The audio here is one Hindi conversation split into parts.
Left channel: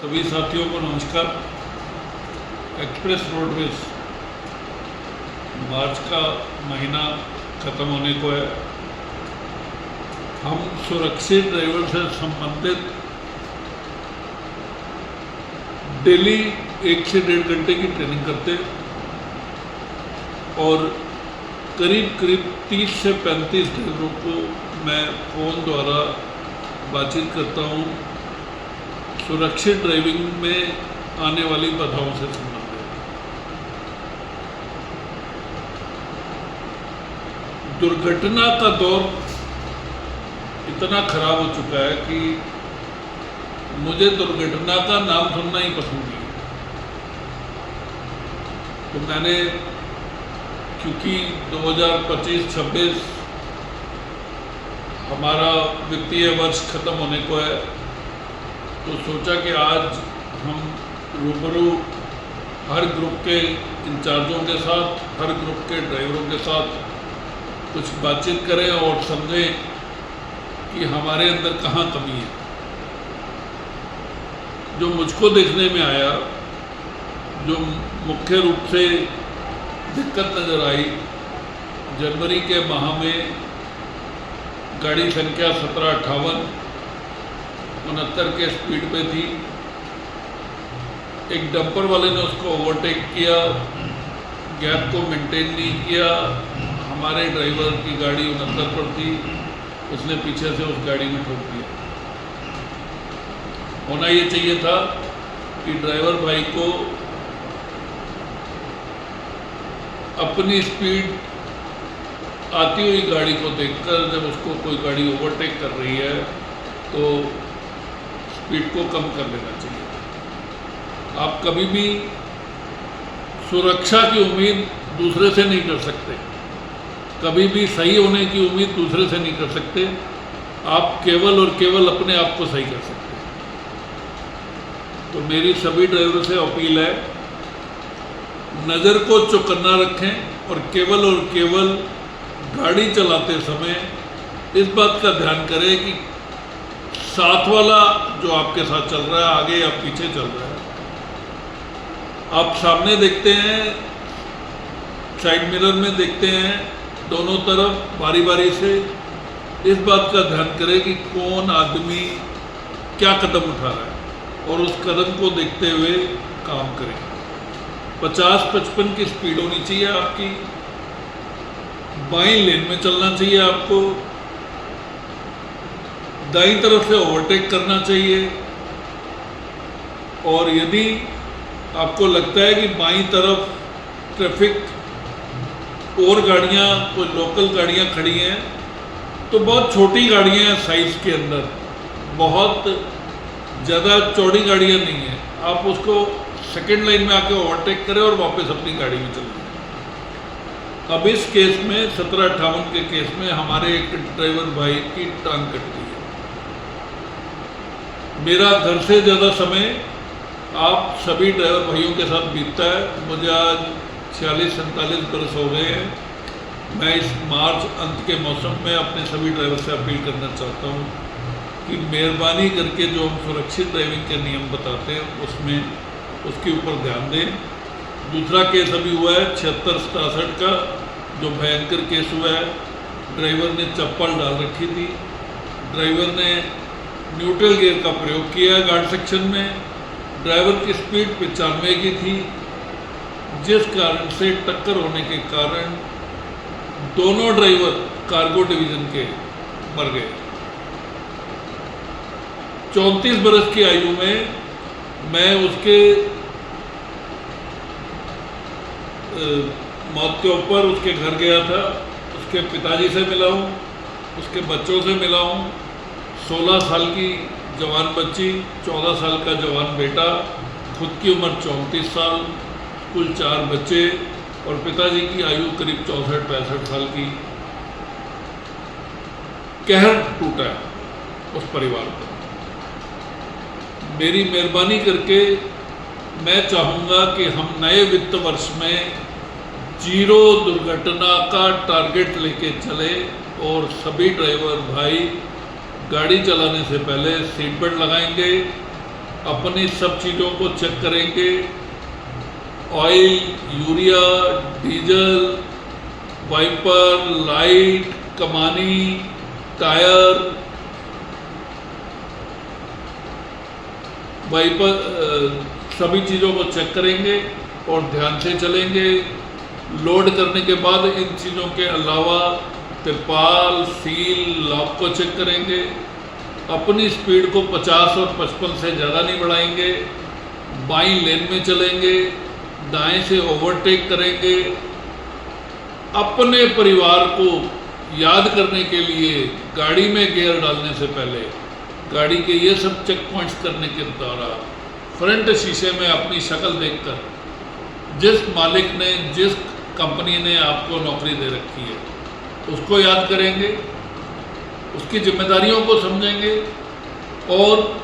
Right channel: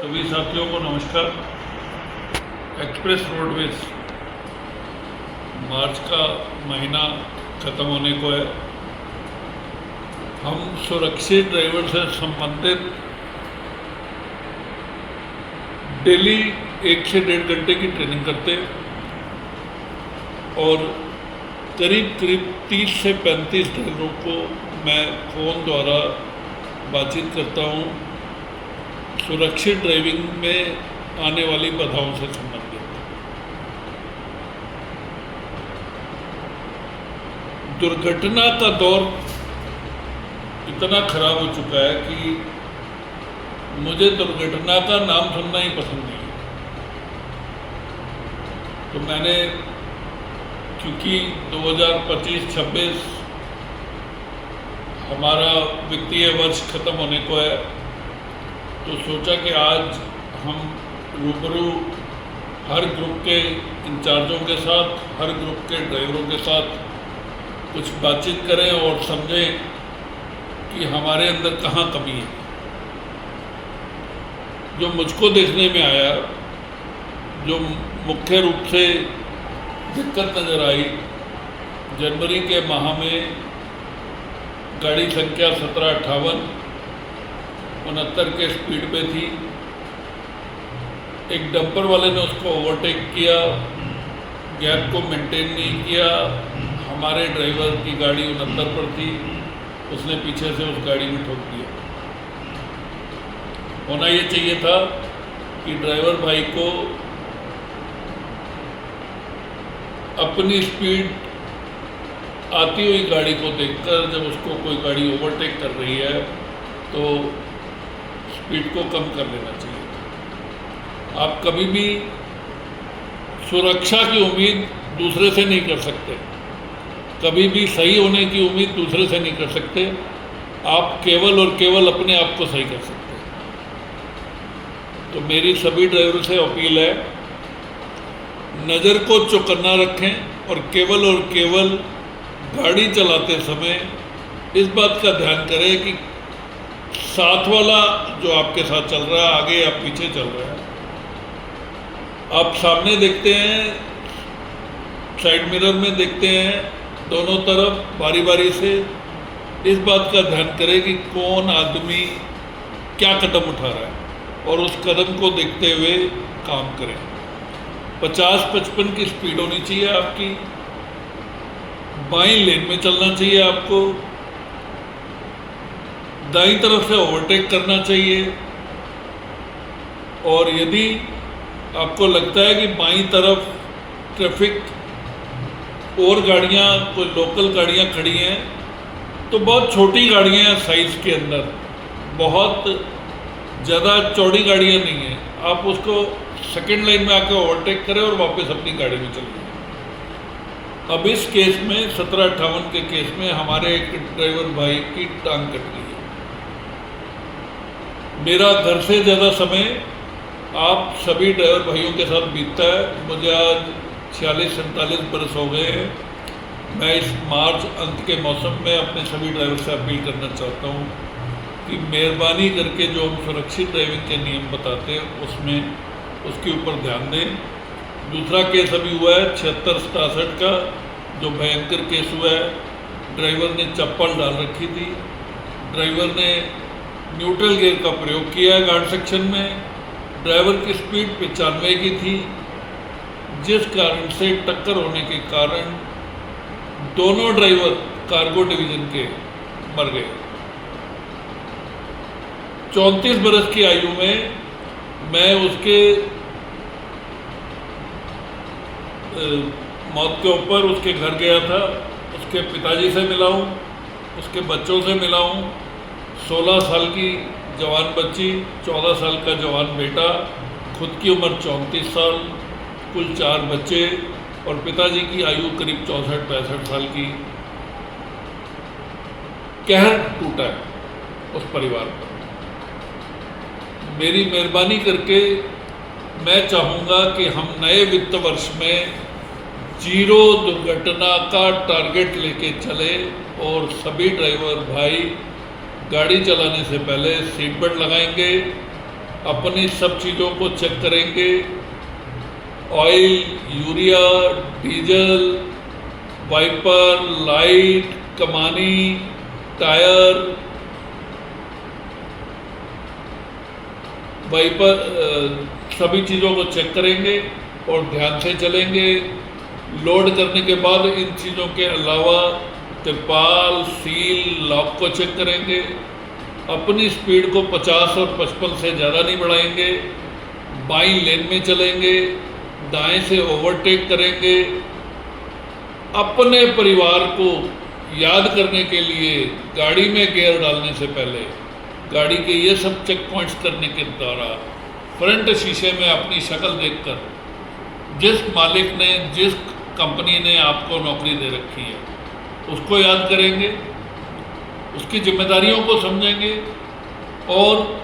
सभी साथियों को नमस्कार। एक्सप्रेस रोडवेज मार्च का महीना ख़त्म होने को है। हम सुरक्षित ड्राइवर से संबंधित डेली 1 से 1.5 घंटे की ट्रेनिंग करते और करीब 30 से 35 ड्राइवरों को मैं फ़ोन द्वारा बातचीत करता हूँ सुरक्षित ड्राइविंग में आने वाली बाधाओं से संबंधित। दुर्घटना का दौर इतना खराब हो चुका है कि मुझे दुर्घटना का नाम सुनना ही पसंद नहीं है। तो मैंने क्योंकि 2025-26 हमारा वित्तीय वर्ष खत्म होने को है, तो सोचा कि आज हम रूबरू हर ग्रुप के इंचार्जों के साथ, हर ग्रुप के ड्राइवरों के साथ कुछ बातचीत करें और समझें कि हमारे अंदर कहाँ कमी है। जो मुझको देखने में आया, जो मुख्य रूप से दिक्कत नज़र आई, जनवरी के माह में गाड़ी संख्या 1758 69 के स्पीड पे थी। एक डंपर वाले ने उसको ओवरटेक किया, गैप को मेंटेन नहीं किया। हमारे ड्राइवर की गाड़ी 69 पर थी, उसने पीछे से उस गाड़ी में ठोक दिया। होना ये चाहिए था कि ड्राइवर भाई को अपनी स्पीड आती हुई गाड़ी को देखकर, जब उसको कोई गाड़ी ओवरटेक कर रही है तो स्पीड को कम कर लेना चाहिए। आप कभी भी सुरक्षा की उम्मीद दूसरे से नहीं कर सकते, कभी भी सही होने की उम्मीद दूसरे से नहीं कर सकते। आप केवल और केवल अपने आप को सही कर सकते हैं। तो मेरी सभी ड्राइवरों से अपील है, नज़र को चौकन्ना रखें और केवल गाड़ी चलाते समय इस बात का ध्यान करें कि साथ वाला जो आपके साथ चल रहा है, आगे या पीछे चल रहा है। आप सामने देखते हैं, साइड मिरर में देखते हैं, दोनों तरफ बारी बारी से इस बात का ध्यान करें कि कौन आदमी क्या कदम उठा रहा है और उस कदम को देखते हुए काम करें। 50-55 की स्पीड होनी चाहिए आपकी। बाईं लेन में चलना चाहिए आपको। दाईं तरफ से ओवरटेक करना चाहिए। और यदि आपको लगता है कि बाईं तरफ ट्रैफिक और गाड़ियाँ, कोई लोकल गाड़ियाँ खड़ी हैं, तो बहुत छोटी गाड़ियाँ हैं साइज़ के अंदर, बहुत ज़्यादा चौड़ी गाड़ियाँ नहीं हैं। आप उसको सेकेंड लाइन में आके ओवरटेक करें और वापस अपनी गाड़ी में चले जाएं। अब इस केस में 1758 के केस में हमारे एक ड्राइवर भाई की टांग कट गई है। मेरा घर से ज़्यादा समय आप सभी ड्राइवर भाइयों के साथ बीतता है। मुझे आज 46-47 बरस हो गए हैं। मैं इस मार्च अंत के मौसम में अपने सभी ड्राइवर से अपील करना चाहता हूँ कि मेहरबानी करके जो हम सुरक्षित ड्राइविंग के नियम बताते हैं उसमें उसके ऊपर ध्यान दें। दूसरा केस अभी हुआ है 76-67 का, जो भयंकर केस हुआ है। ड्राइवर ने चप्पल डाल रखी थी, ड्राइवर ने न्यूट्रल गियर का प्रयोग किया है घाट सेक्शन में। ड्राइवर की स्पीड 95 की थी, जिस कारण से टक्कर होने के कारण दोनों ड्राइवर कार्गो डिवीज़न के मर गए। 34 बरस की आयु में मैं उसके मौत के ऊपर उसके घर गया था। उसके पिताजी से मिला हूँ, उसके बच्चों से मिला हूँ। 16 साल की जवान बच्ची, 14 साल का जवान बेटा, खुद की उम्र 34 साल, कुल 4 बच्चे और पिताजी की आयु करीब 64-65 साल की। कहर टूटा है उस परिवार पर। मेरी मेहरबानी करके मैं चाहूँगा कि हम नए वित्त वर्ष में 0 दुर्घटना का टारगेट लेके चले और सभी ड्राइवर भाई गाड़ी चलाने से पहले सीट बेल्ट लगाएंगे, अपनी सब चीज़ों को चेक करेंगे, oil, urea, diesel, wiper, light, कमानी, टायर, वाइपर, सभी चीज़ों को चेक करेंगे और ध्यान से चलेंगे। लोड करने के बाद इन चीज़ों के अलावा तिरपाल, सील, लॉक को चेक करेंगे। अपनी स्पीड को 50 और 55 से ज़्यादा नहीं बढ़ाएंगे। बाईं लेन में चलेंगे, दाएं से ओवरटेक करेंगे। अपने परिवार को याद करने के लिए गाड़ी में गियर डालने से पहले गाड़ी के ये सब चेक पॉइंट्स करने के दौरान फ्रंट शीशे में अपनी शक्ल देखकर जिस मालिक ने, जिस कंपनी ने आपको नौकरी दे रखी है, उसको याद करेंगे, उसकी जिम्मेदारियों को समझेंगे और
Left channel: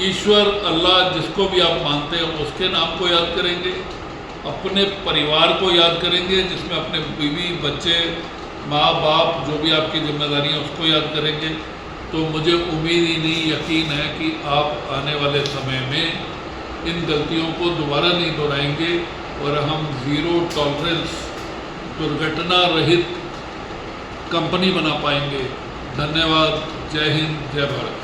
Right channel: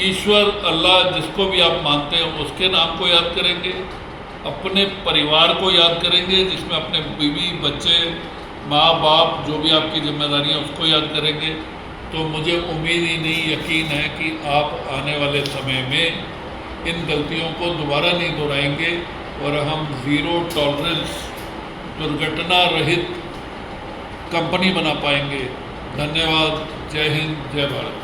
ईश्वर, अल्लाह, जिसको भी आप मानते हो उसके नाम को याद करेंगे। अपने परिवार को याद करेंगे, जिसमें अपने बीवी, बच्चे, माँ बाप, जो भी आपकी जिम्मेदारी है उसको याद करेंगे। तो मुझे उम्मीद ही नहीं, यकीन है कि आप आने वाले समय में इन गलतियों को दोबारा नहीं दोहराएंगे और हम ज़ीरो टॉलरेंस, दुर्घटना रहित कंपनी बना पाएंगे। धन्यवाद। जय हिंद, जय भारत।